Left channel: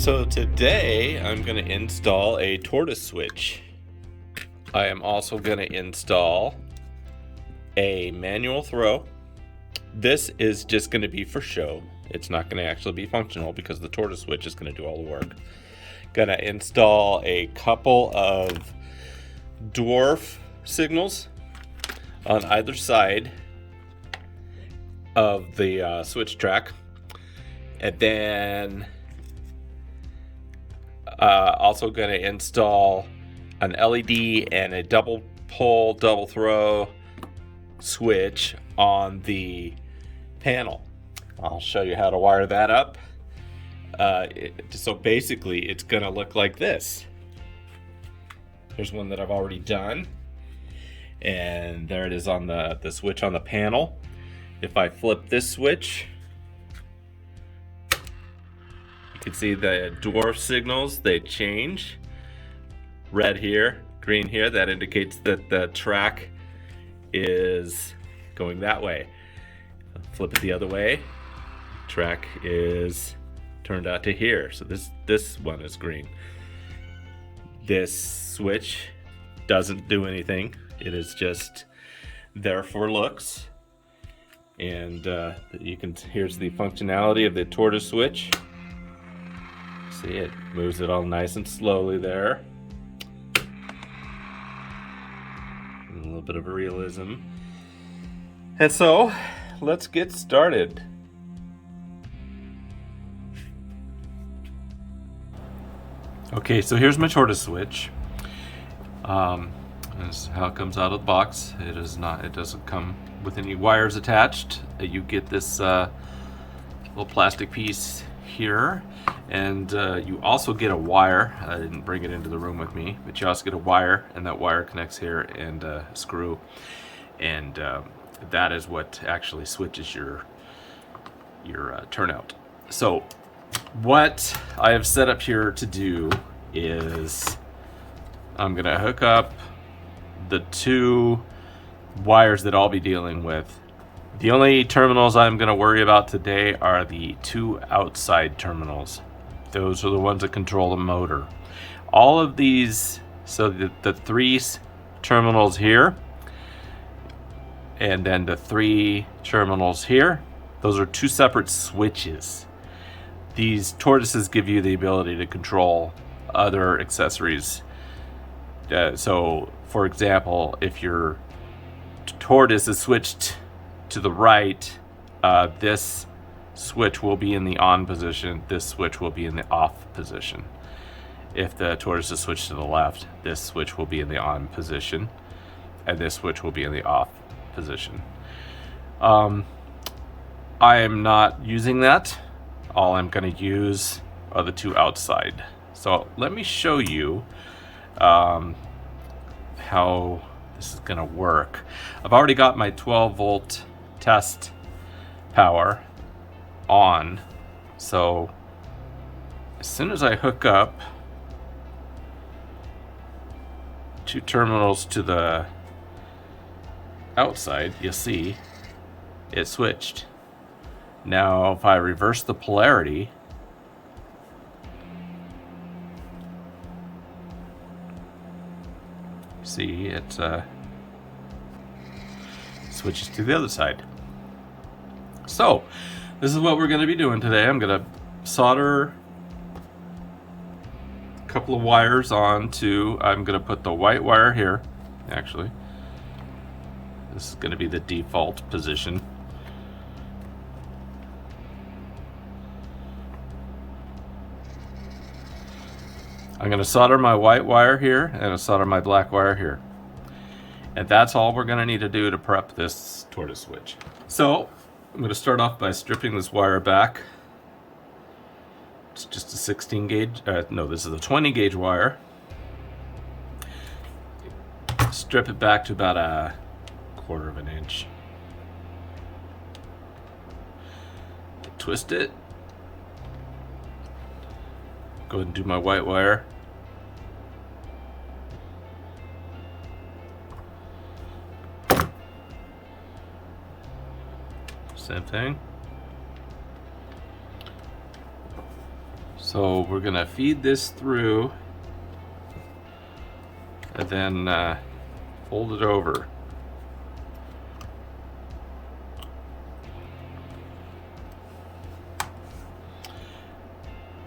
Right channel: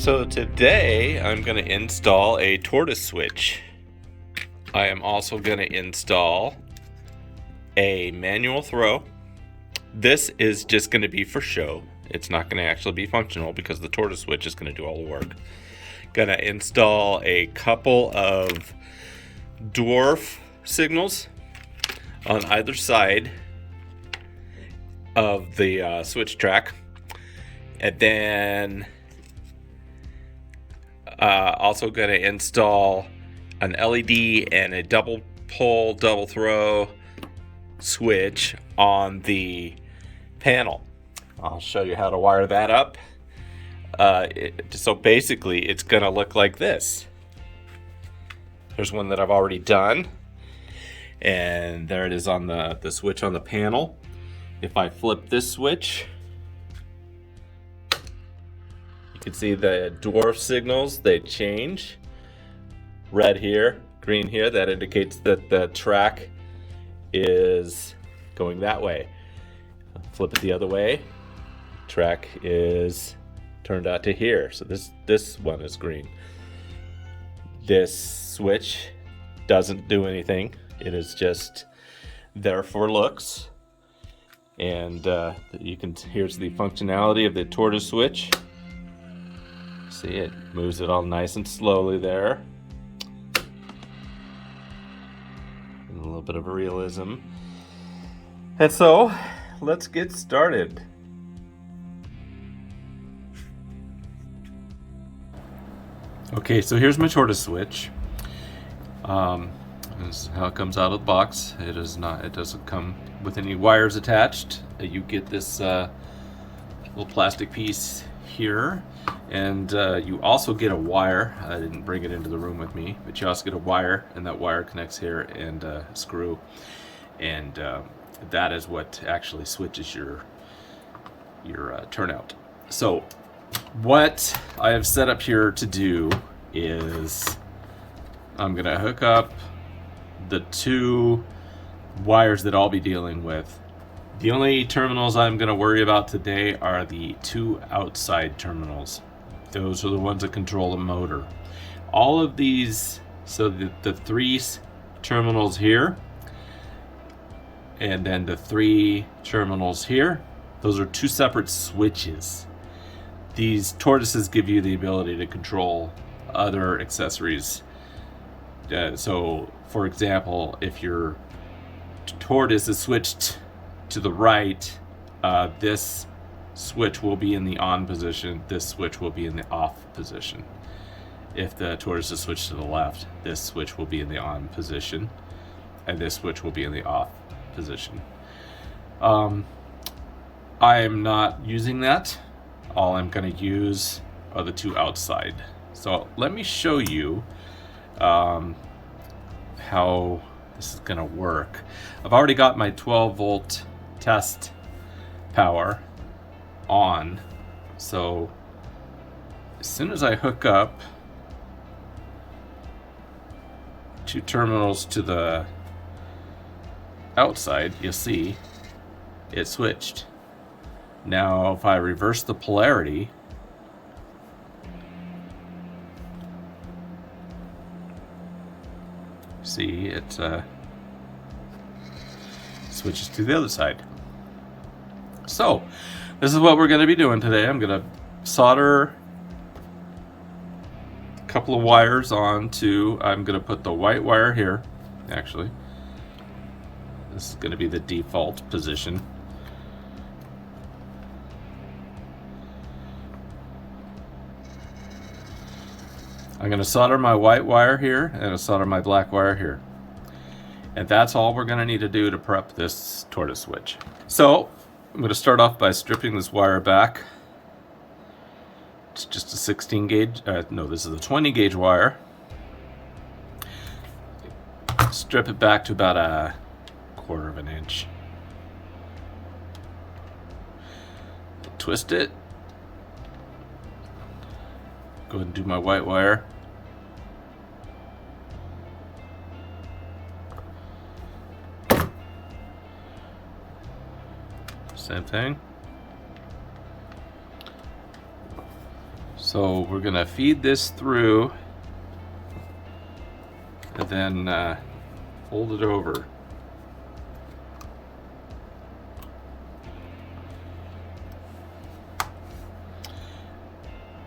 So today I'm going to install a Tortoise Switch. I am also going to install a manual throw. This is just going to be for show. It's not going to actually be functional because the Tortoise Switch is going to do all the work. Going to install a couple of dwarf signals on either side of the switch track, and then also going to install an LED and a double pole, double throw switch on the panel. I'll show you how to wire that up. So basically it's going to look like this. There's one that I've already done, and there it is on the switch on the panel. If I flip this switch, you can see the dwarf signals, they change. Red here, green here, that indicates that the track is going that way. Flip it the other way, track is turned out to here. So this one is green. This switch doesn't do anything. It is just there for looks. And here's the functionality of the Tortoise Switch. See, it moves it all nice and slowly there. And a little bit of realism. And so, let's get started. Okay, so here's my Tortoise Switch. This is how it comes out of the box. It doesn't come with any wires attached. You get this little plastic piece here, and you also get a wire. I didn't bring it into the room with me, but you also get a wire, and that wire connects here, and a screw, and that is what actually switches your turnout. So what I have set up here to do is I'm gonna hook up the two wires that I'll be dealing with. The only terminals I'm going to worry about today are the two outside terminals. Those are the ones that control the motor. All of these, so the three terminals here, and then the three terminals here, those are two separate switches. These tortoises give you the ability to control other accessories. So, for example, if your tortoise is switched to the right, this switch will be in the on position, this switch will be in the off position. If the tortoise is switched to the left, this switch will be in the on position, and this switch will be in the off position. I am not using that. All I'm going to use are the two outside. So let me show you how this is going to work. I've already got my 12 volt test power on, so as soon as I hook up two terminals to the outside, you'll see it switched. Now if I reverse the polarity, see it switches to the other side. So this is what we're going to be doing today. I'm going to solder a couple of wires onto, I'm going to put the white wire here. Actually, this is going to be the default position. I'm going to solder my white wire here and solder my black wire here. And that's all we're going to need to do to prep this Tortoise Switch. So I'm going to start off by stripping this wire back. It's just a 16 gauge, no, this is a 20 gauge wire. Strip it back to about a 1/4 of an inch. Twist it. Go ahead and do my white wire. Same thing. So we're gonna feed this through and then fold it over.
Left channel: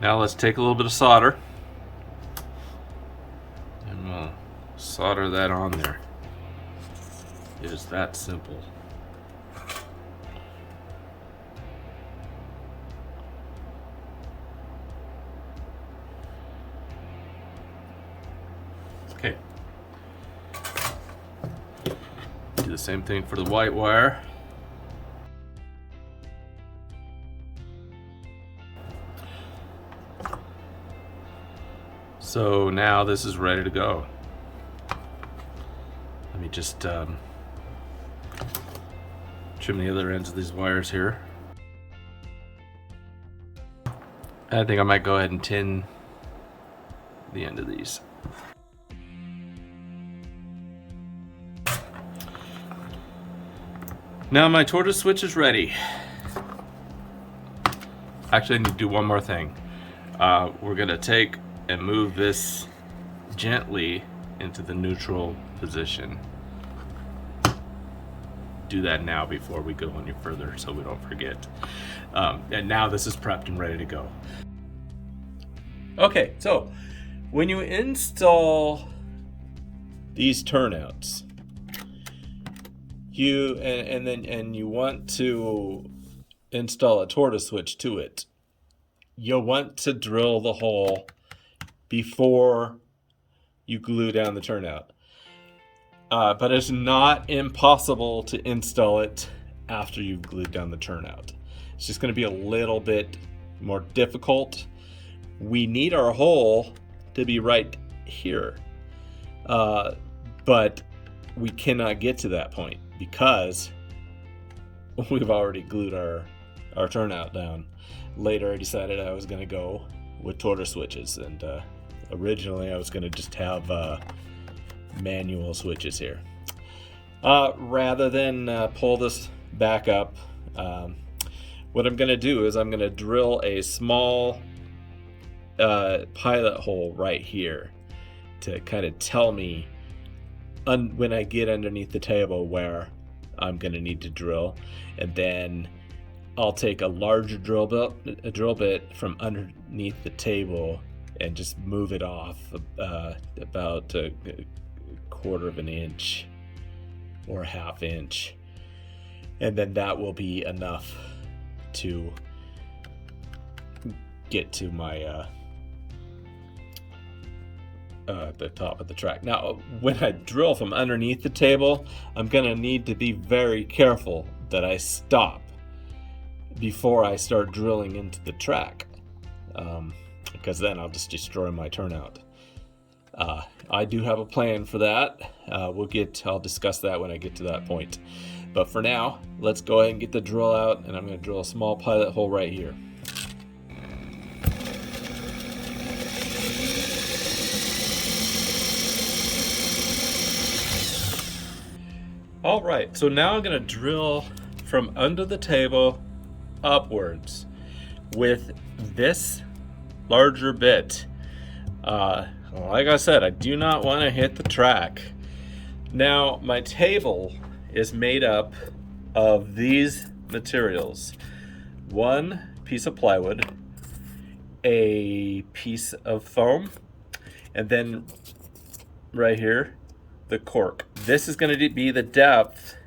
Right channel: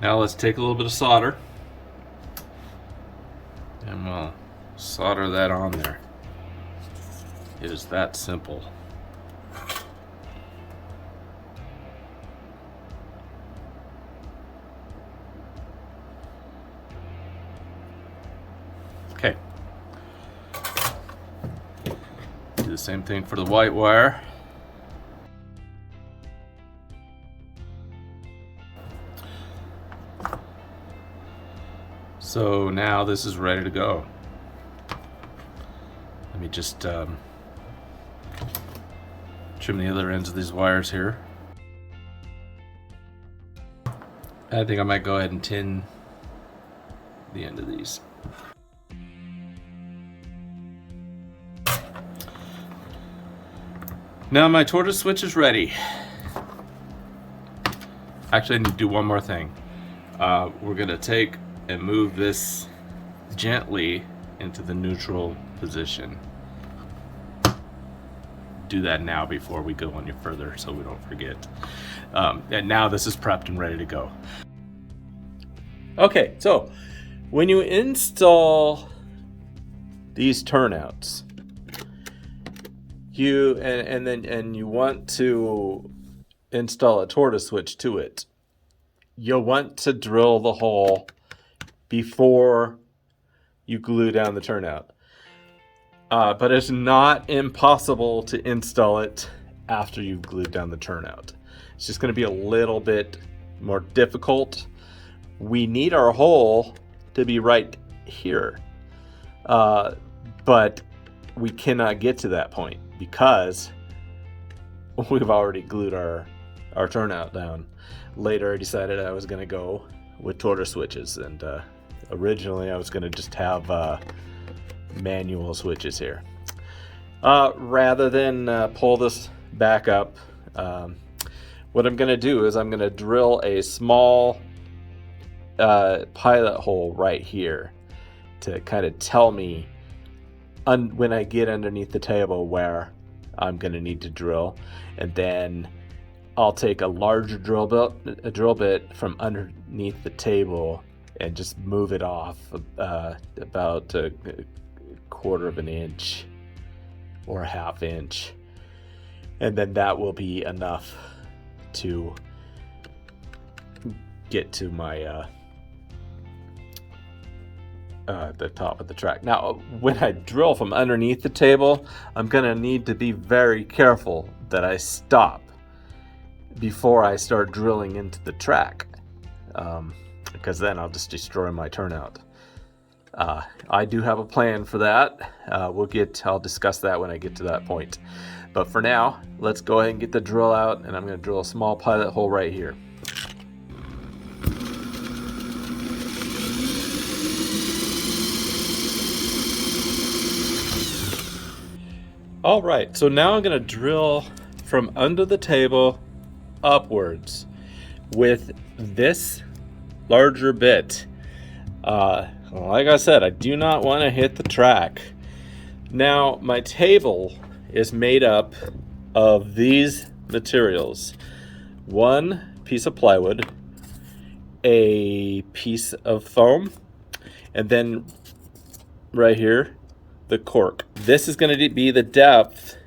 Now let's take a little bit of solder and we'll solder that on there. It is that simple. Okay. Do the same thing for the white wire. So now this is ready to go. Let me just trim the other ends of these wires here. I think I might go ahead and tin the end of these. Now my Tortoise Switch is ready. Actually, I need to do one more thing. We're gonna take and move this gently into the neutral position. Do that now before we go any further so we don't forget. And now this is prepped and ready to go. Okay, so when you install these turnouts, and you want to install a Tortoise Switch to it, you'll want to drill the hole before you glue down the turnout. But it's not impossible to install it after you've glued down the turnout. It's just going to be a little bit more difficult. We need our hole to be right here, but we cannot get to that point because we've already glued our turnout down. Later I decided I was going to go with Tortoise switches, and originally I was going to just have manual switches here. Rather than pull this back up, what I'm going to do is I'm going to drill a small pilot hole right here to kind of tell me when I get underneath the table where I'm going to need to drill, and then I'll take a larger drill bit from underneath the table and just move it off about a quarter of an inch or a half inch, and then that will be enough to get to my the top of the track. Now, when I drill from underneath the table, I'm gonna need to be very careful that I stop before I start drilling into the track, because then I'll just destroy my turnout. I do have a plan for that. I'll discuss that when I get to that point. But for now, let's go ahead and get the drill out, and I'm going to drill a small pilot hole right here. All right, so now I'm going to drill from under the table upwards with this larger bit. Like I said, I do not want to hit the track. Now, my table is made up of these materials: one piece of plywood, a piece of foam, and then right here, the cork. This is going to be the depth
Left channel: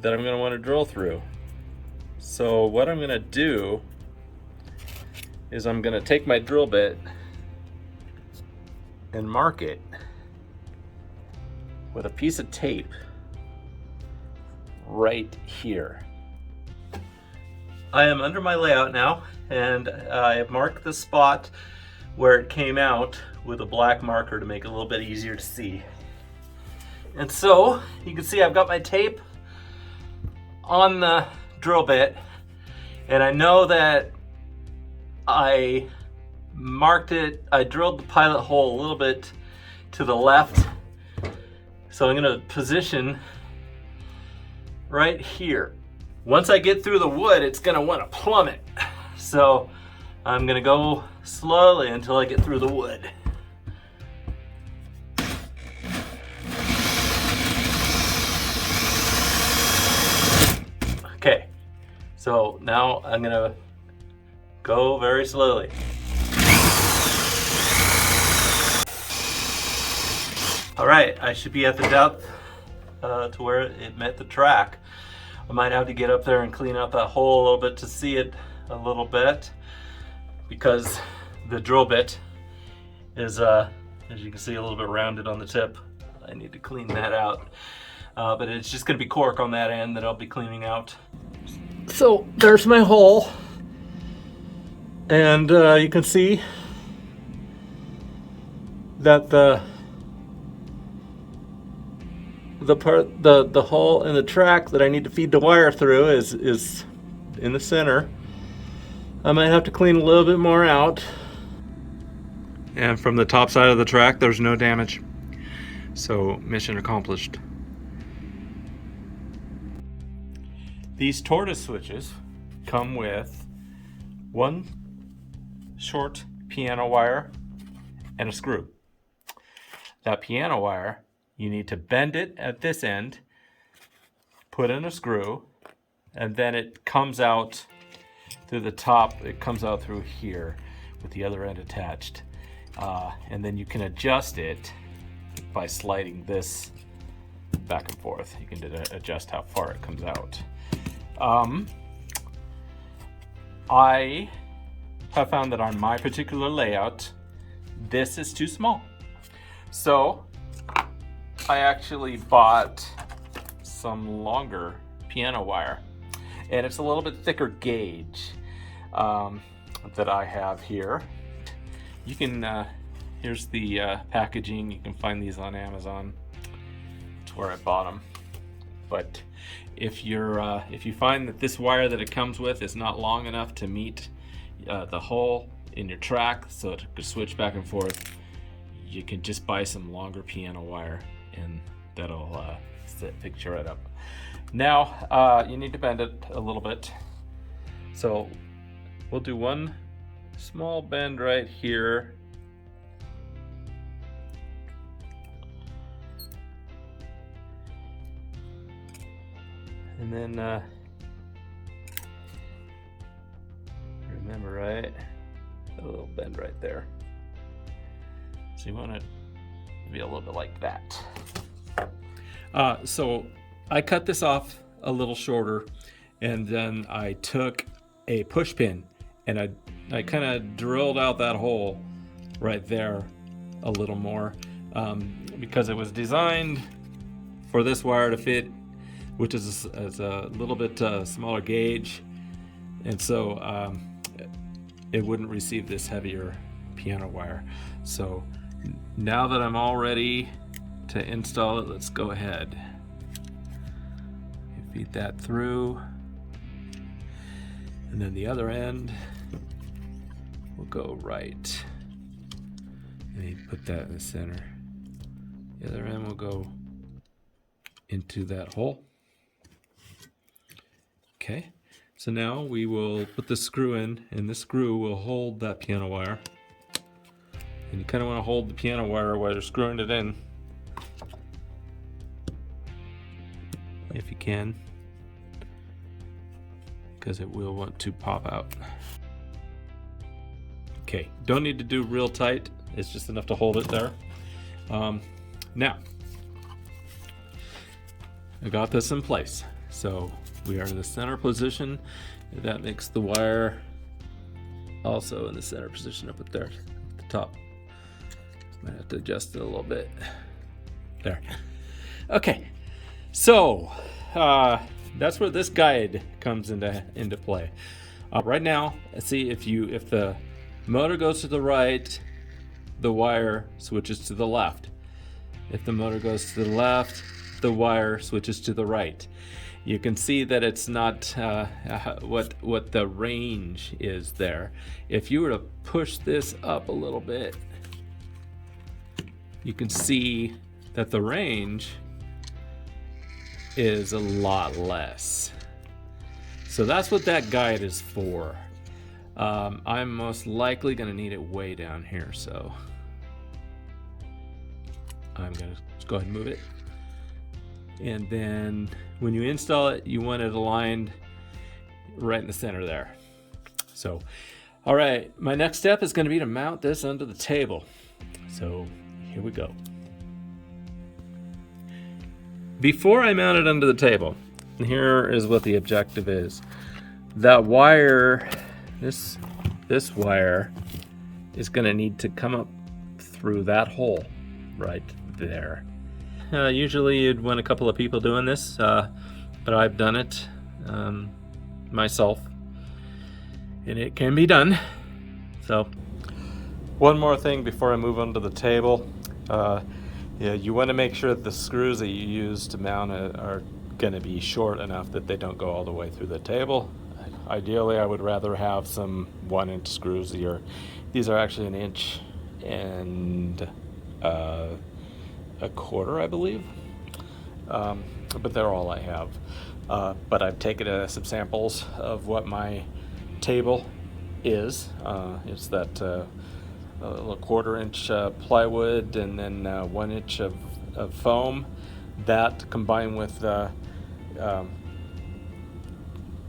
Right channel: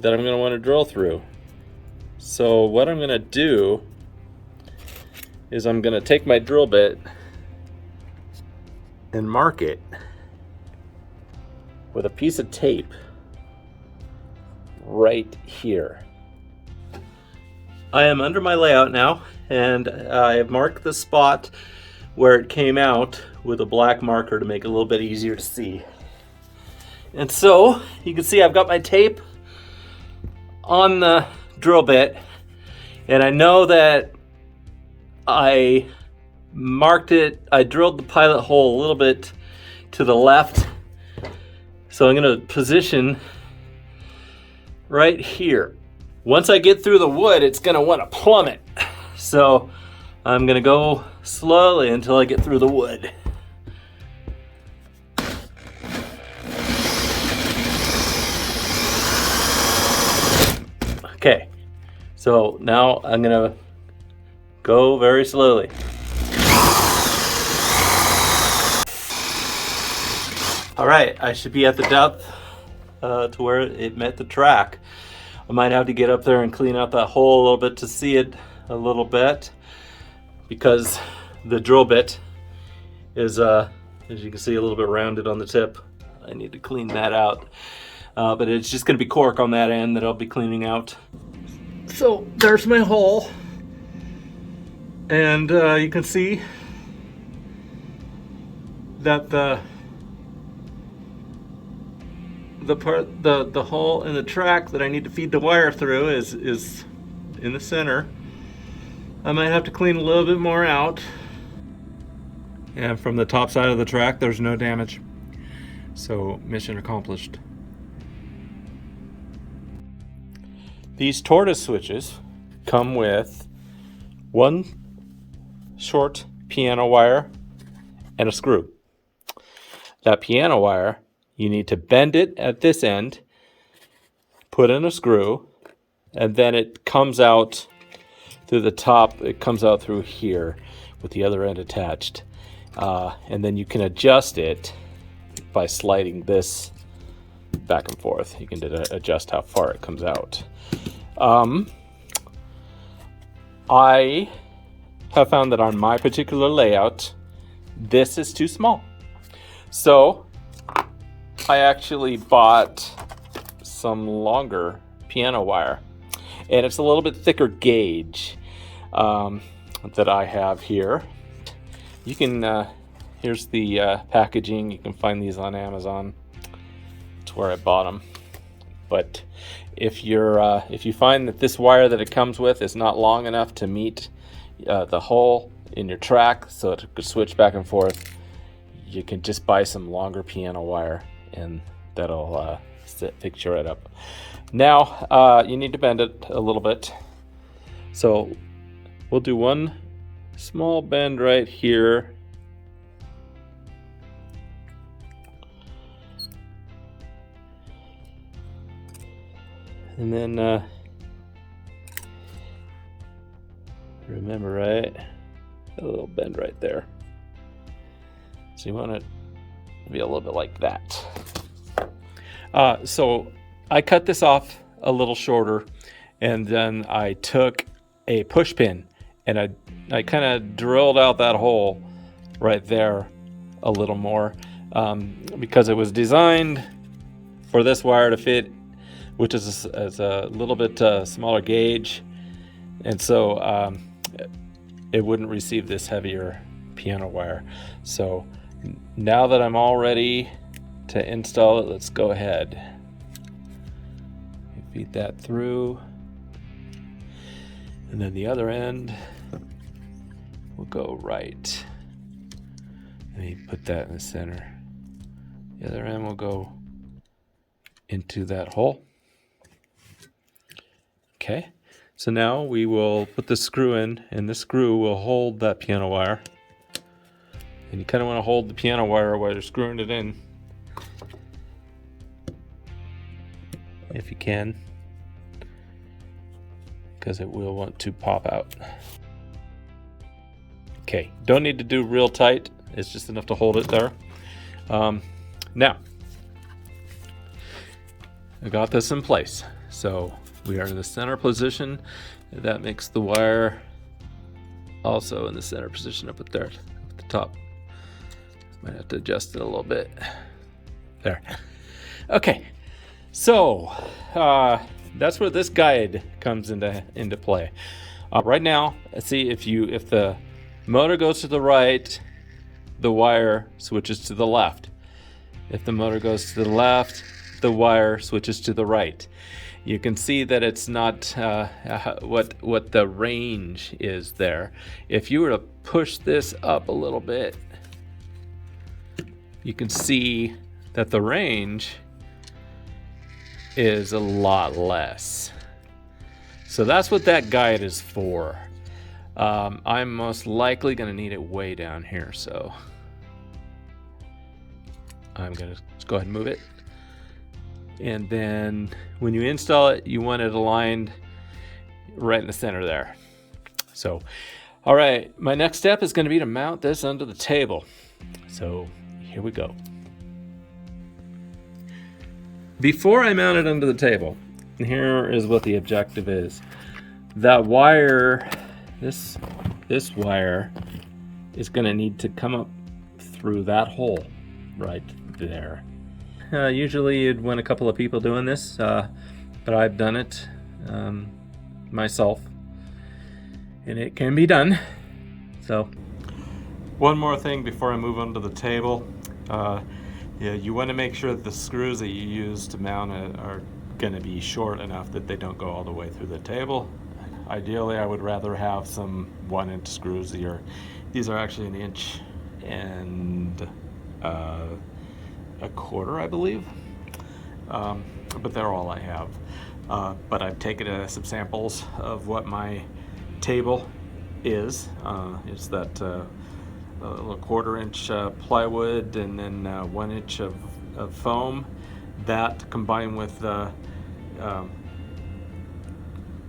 that I'm going to want to drill through. So what I'm going to do is I'm going to take my drill bit and mark it with a piece of tape right here. I am under my layout now, and I have marked the spot where it came out with a black marker to make it a little bit easier to see. And so you can see I've got my tape on the drill bit, and I know that I marked it. I drilled the pilot hole a little bit to the left, so I'm going to position right here. Once I get through the wood, it's going to want to plummet, so I'm gonna go slowly until I get through the wood. Okay, so now I'm gonna go very slowly. All right, I should be at the depth to where it met the track. I might have to get up there and clean out that hole a little bit to see it a little bit, because the drill bit is, as you can see, a little bit rounded on the tip. I need to clean that out. But it's just gonna be cork on that end that I'll be cleaning out. So there's my hole. And you can see that the hole in the track that I need to feed the wire through is in the center. I might have to clean a little bit more out. And from the top side of the track, there's no damage. So mission accomplished. These Tortoise switches come with one short piano wire and a screw. That piano wire, you need to bend it at this end, put in a screw, and then it comes out through the top. It comes out through here with the other end attached. And then you can adjust it by sliding this back and forth. You can adjust how far it comes out. I have found that on my particular layout, this is too small. So I actually bought some longer piano wire, and it's a little bit thicker gauge that I have here. You can, here's the packaging. You can find these on Amazon. That's where I bought them. But if you find that this wire that it comes with is not long enough to meet the hole in your track so it could switch back and forth, you can just buy some longer piano wire, and that'll fix it up. Now you need to bend it a little bit. So we'll do one small bend right here. And then remember, right, a little bend right there. So you want it to be a little bit like that. So I cut this off a little shorter, and then I took a push pin and I kind of drilled out that hole right there a little more, because it was designed for this wire to fit, which is a little bit smaller gauge, and so it wouldn't receive this heavier piano wire. So now that I'm all ready to install it, let's go ahead. Feed that through, and then the other end will go right, and you put that in the center. The other end will go into that hole. Okay, so now we will put the screw in, and this screw will hold that piano wire. And you kind of want to hold the piano wire while you're screwing it in, if you can, because it will want to pop out. Okay, don't need to do real tight. It's just enough to hold it there. Now, I got this in place. So we are in the center position. That makes the wire also in the center position up at there, at the top. Might have to adjust it a little bit. There. Okay, so that's where this guide comes into play. Right now, see, if the motor goes to the right, the wire switches to the left. If the motor goes to the left, the wire switches to the right. You can see that it's not what the range is there. If you were to push this up a little bit, you can see that the range is a lot less. So that's what that guide is for. I'm most likely going to need it way down here, so I'm going to go ahead and move it. And then when you install it, you want it aligned right in the center there. So, all right, my next step is going to be to mount this onto the table. So here we go. Before I mount it onto the table, here is what the objective is. That wire, this wire is going to need to come up through that hole right there. Usually you'd want a couple of people doing this, but I've done it myself, and it can be done. So, one more thing before I move onto the table. Yeah, you want to make sure that the screws that you use to mount it are going to be short enough that they don't go all the way through the table. Ideally, I would rather have some 1-inch screws. These are actually 1 inch and a quarter, I believe. But they're all I have. But I've taken some samples of what my table is. It's that a 1/4 inch plywood, and then 1 inch of foam. That combined with about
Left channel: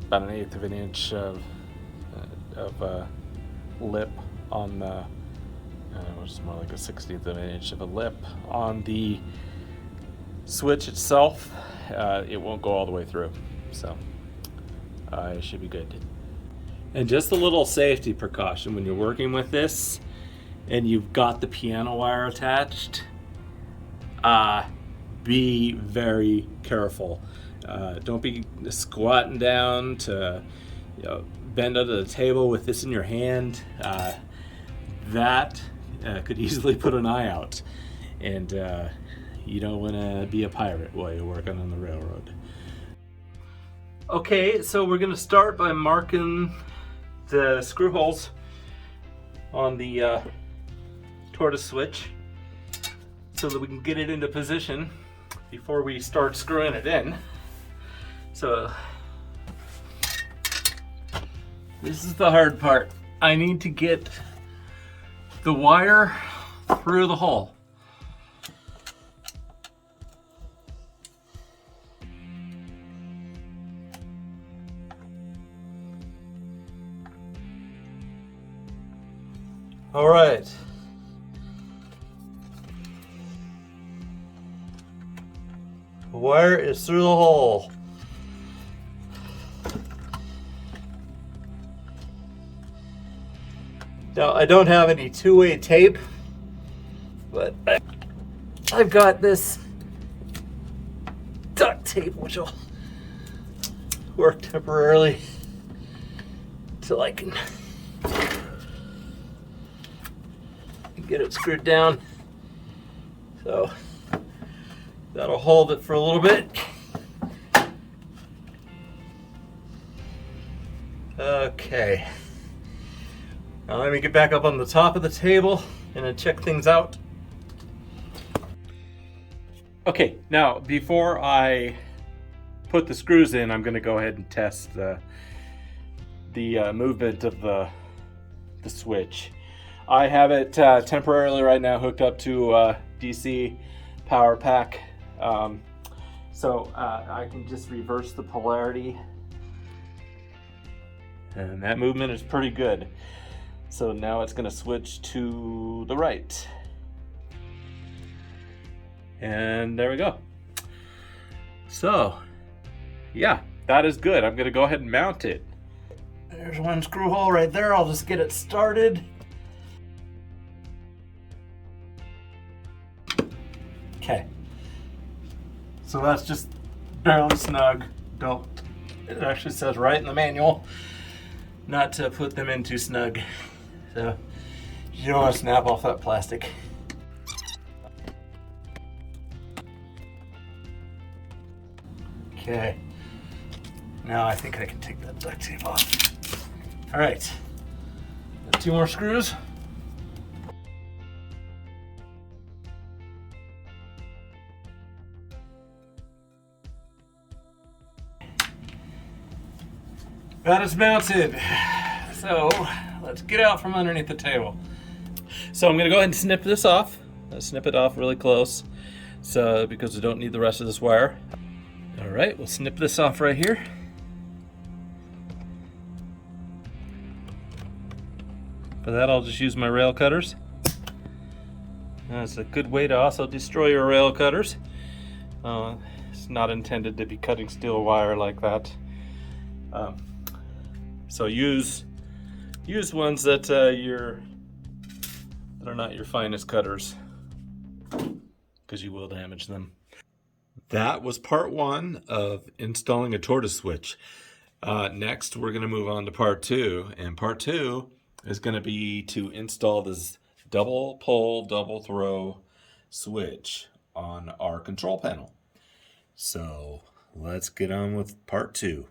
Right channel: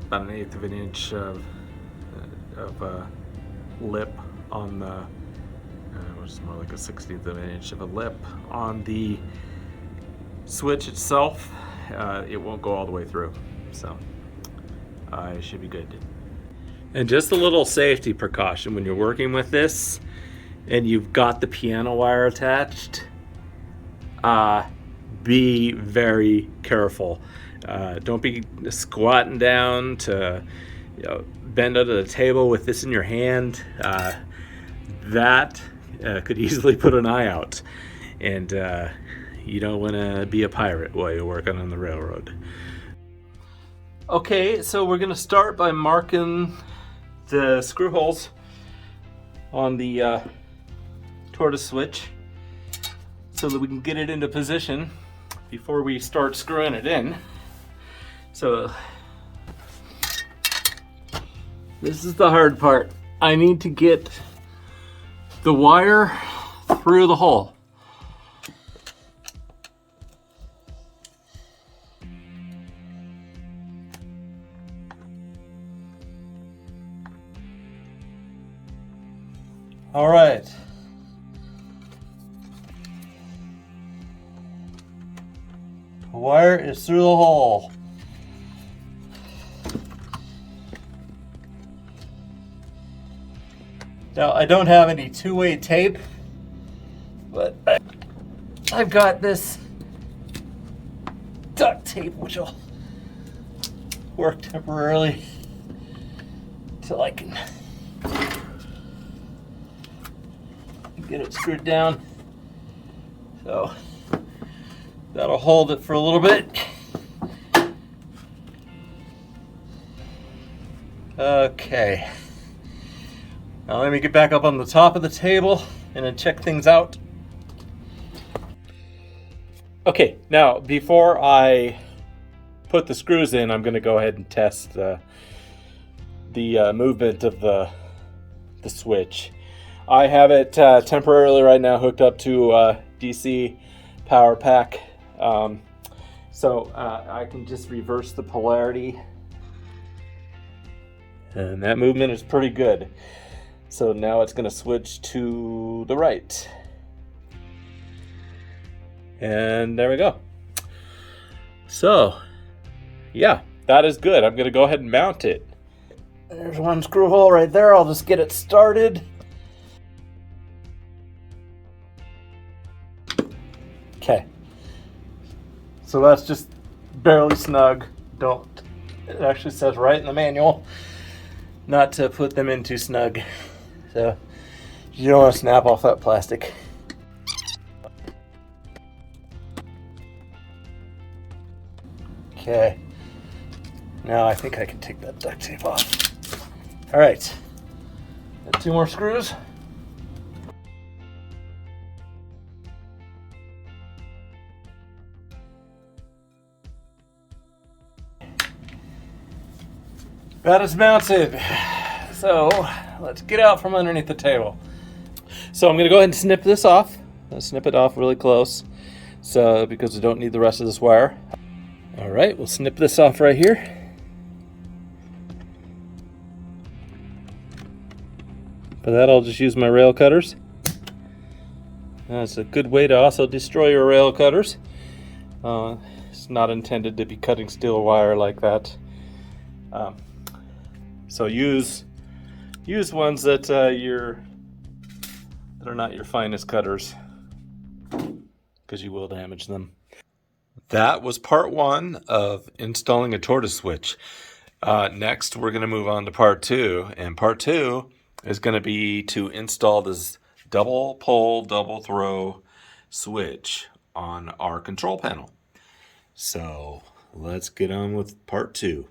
1/8 of an inch of lip on the, which is more like a 1/16 of an inch of a lip on the switch itself. It won't go all the way through, so it should be good. And just a little safety precaution when you're working with this and you've got the piano wire attached, be very careful. Don't be squatting down to bend under the table with this in your hand. That could easily put an eye out, and you don't want to be a pirate while you're working on the railroad. Okay, so we're going to start by marking the screw holes on the Tortoise Switch so that we can get it into position before we start screwing it in. So this is the hard part. I need to get the wire through the hole. All right. The wire is through the hole. Now, I don't have any two-way tape, but I've got this duct tape, which will work temporarily till I can get it screwed down. So that'll hold it for a little bit. Okay. Now let me get back up on the top of the table and then check things out. Okay, now before I put the screws in, I'm going to go ahead and test the movement of the switch. I have it temporarily right now hooked up to a DC power pack, so I can just reverse the polarity, and that movement is pretty good. So now it's going to switch to the right, and there we go. So yeah, that is good. I'm going to go ahead and mount it. There's one screw hole right there. I'll just get it started. Okay, so that's just barely snug. It actually says right in the manual not to put them in too snug. So you don't want to snap off that plastic. Okay, now I think I can take that duct tape off. All right, got 2 more screws. That is mounted. So let's get out from underneath the table. So I'm going to go ahead and snip this off. Snip it off really close, so because we don't need the rest of this wire. All right, we'll snip this off right here. For that, I'll just use my rail cutters. That's a good way to also destroy your rail cutters. It's not intended to be cutting steel wire like that. So use ones that that are not your finest cutters, because you will damage them. That was part 1 of installing a Tortoise switch. Next, we're going to move on to part 2, and part 2 is going to be to install this double pole, double throw switch on our control panel. So let's get on with part 2.